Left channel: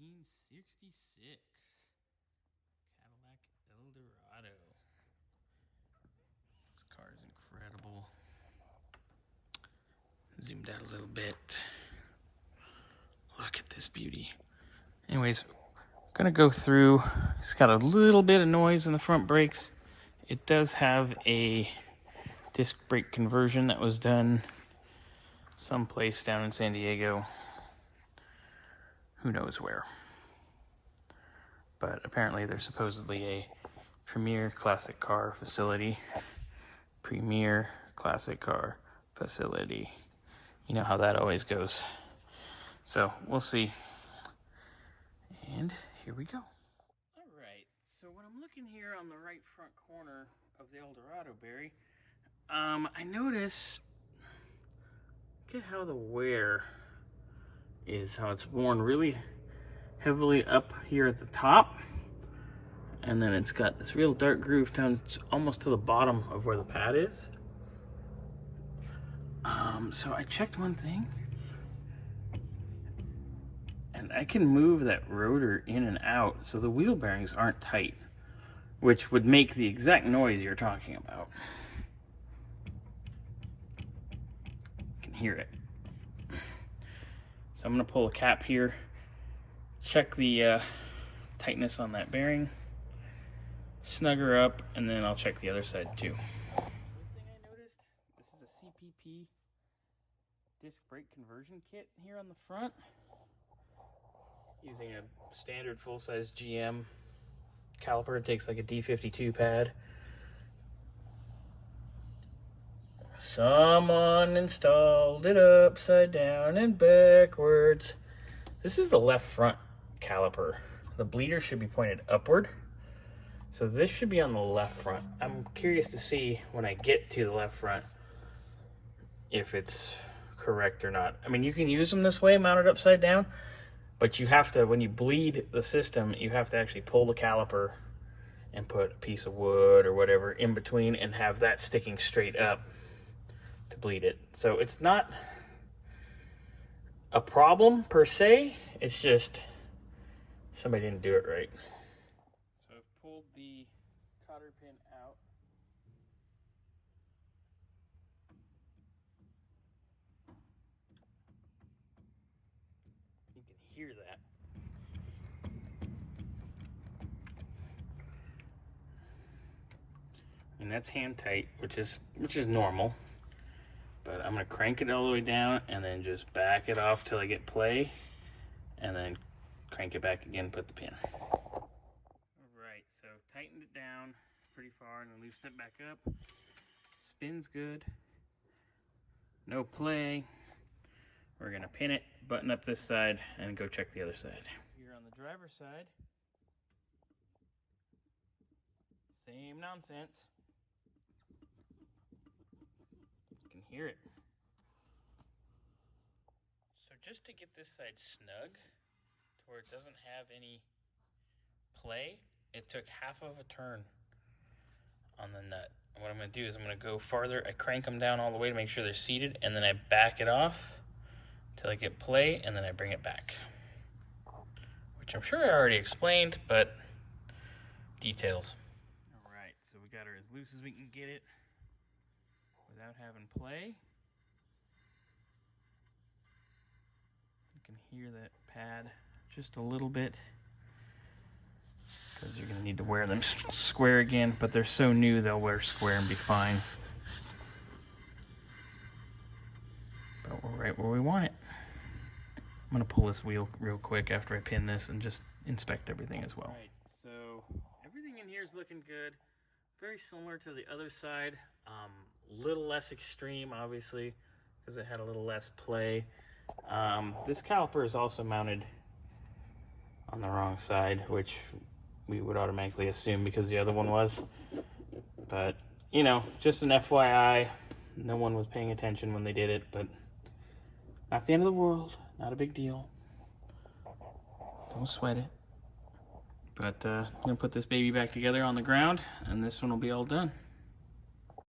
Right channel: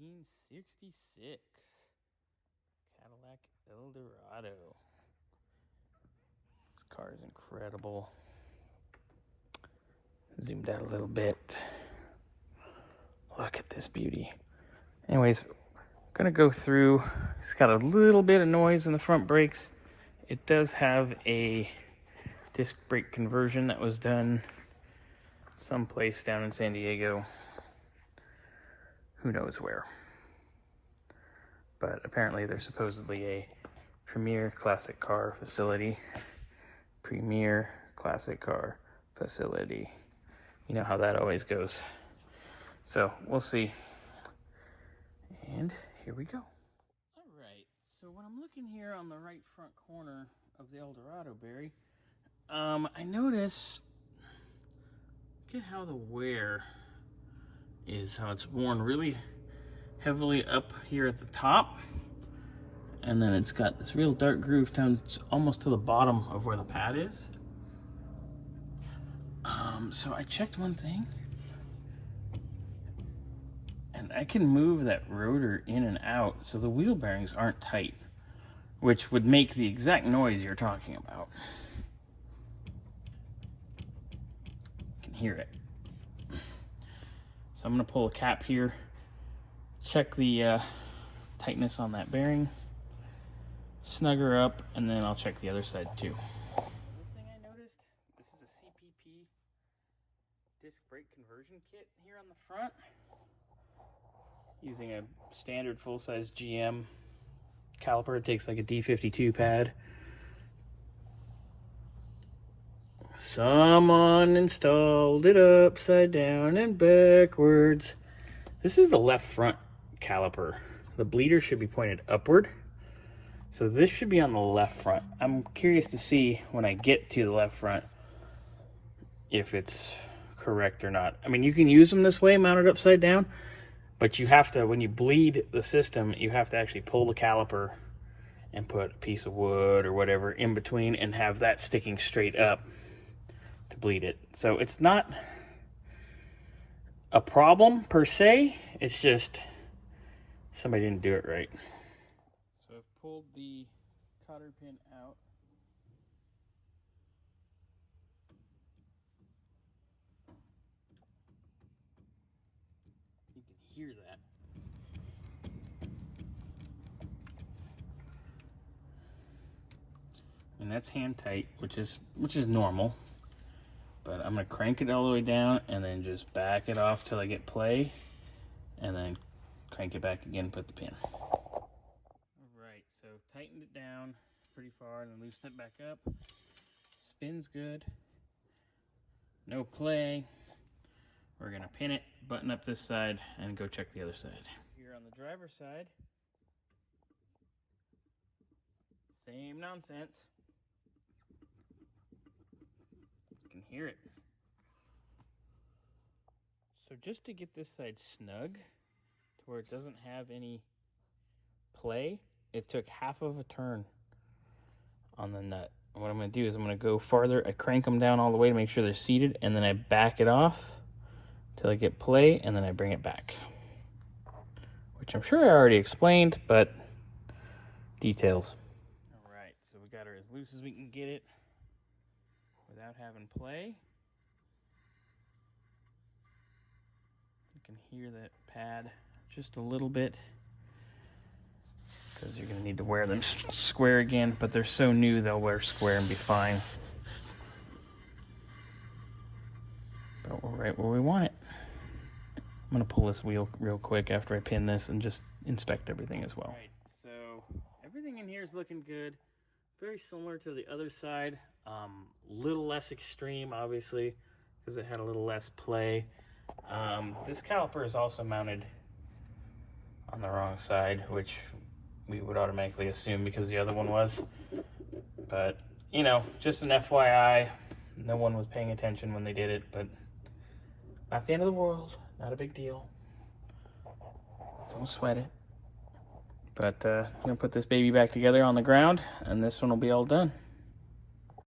1966 Cadillac Eldorado. This car is incredible. Zoomed out a little bit. Look at this beauty. Anyways, I'm gonna go through. It's got a little bit of noise in the front brakes. It does have a disc brake conversion that was done someplace down in San Diego. Who knows where. But apparently there's supposedly a premier classic car facility. Premier classic car facility. You know how that always goes. So we'll see. And here we go. All right, so when I'm looking here on the right front corner of the Eldorado, Barry, I notice, look at how the wear is, how it's worn really heavily up here at the top. And then it's got this real dark groove down almost to the bottom of where the pad is. So I checked one thing. And I can move that rotor in and out so the wheel bearings aren't tight, which would make the exact noise you're talking about. You can hear it. So I'm going to pull a cap here, check the tightness on that bearing, snug her up, and then I'll check the other side too. Another thing I noticed, this is a CPP disc brake conversion kit here on the front. Using a standard full-size GM caliper. It takes like a D52 pad. Someone installed it upside down and backwards. This is the left front caliper. The bleeder should be pointed upward. So this should be on the left front. I'm curious to see when I get to the left front if it's correct or not. I mean, you can use them this way, mounted upside down. But you have to, when you bleed the system, you have to actually pull the caliper and put a piece of wood or whatever in between and have that sticking straight up to bleed it. So it's not a problem per se, it's just somebody didn't do it right. So I've pulled the cotter pin out. You can hear that. And that's hand tight, which is normal. But I'm gonna crank it all the way down and then just back it off till I get play, and then crank it back again, put the pin. All right, so tightened it down pretty far and then loosened it back up. Spins good. No play. We're gonna pin it, button up this side, and go check the other side. Here on the driver's side, same nonsense. You can hear it. So just to get this side snug, to where it doesn't have any play, it took half of a turn on the nut. What I'm gonna do is I'm gonna go farther, I crank them down all the way to make sure they're seated, and then I back it off till I get play, and then I bring it back. Which I'm sure I already explained, but details. All right, so we got her as loose as we can get it without having play. You can hear that pad just a little bit, because you're gonna need to wear them square again, but they're so new they'll wear square and be fine. But we're right where we want it. I'm gonna pull this wheel real quick after I pin this and just inspect everything as well. Right, so everything in here is looking good. Very similar to the other side. Little less extreme, obviously, because it had a little less play. This caliper is also mounted on the wrong side, which we would automatically assume because the other one was. But, you know, just an FYI. No one was paying attention when they did it, but not the end of the world. Not a big deal. Don't sweat it. But I'm going to put this baby back together on the ground, and this one will be all done.